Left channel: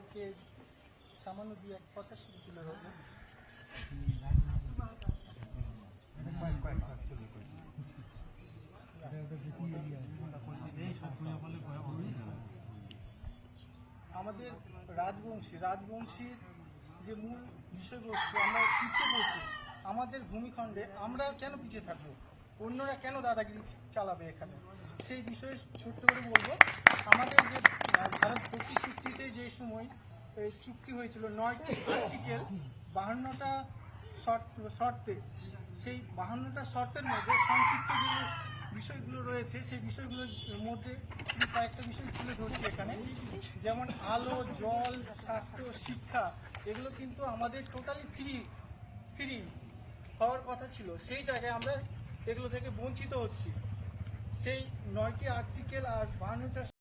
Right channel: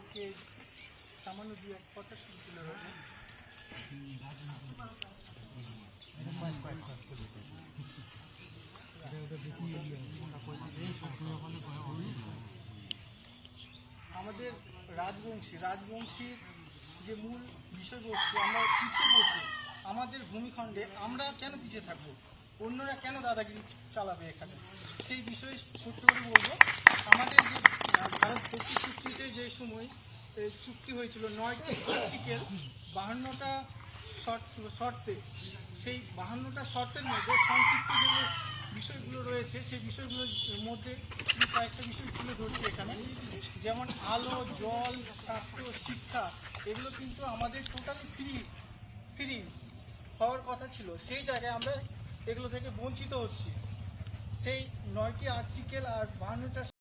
সম্পর্কে সামান্য দু এক কথা শুরু তুলে ধরবো। আমাদের রাজবংশীর যে মূল বিষয়বস্তু, আমরা পিছিয়ে পড়ছি। আমাদের ভূমিখণ্ডে আমরা কেন পিছিয়ে থাকবো, অন্যরা কেন দাদাগিরি চালাবে এখানে, সেই বিষয়ে ছোট্ট করে বলবো। আমাদের যে ভারত ভর্তি চুক্তিতে যে সময় চুক্তি হয়েছিল 9টি আর্টিকেল 52টা শর্তে, সেই 52টা শর্তের মধ্যে সংক্ষিপ্ত যে বিষয়গুলো রয়েছে সেই বিষয়গুলোর মধ্যে কয়েকটা বিষয় তুলে ধরছি এখানে। যেমন আলো, জল, স্বাস্থ্য, শিক্ষা, এগুলো কিন্তু আমাদের টোটালি ফ্রি হওয়ার কথা ছিল। সেই জায়গায় আমরা এগুলো থেকে বঞ্চিত হচ্ছি। সেই 9টি আর্টিকেল আর 52টা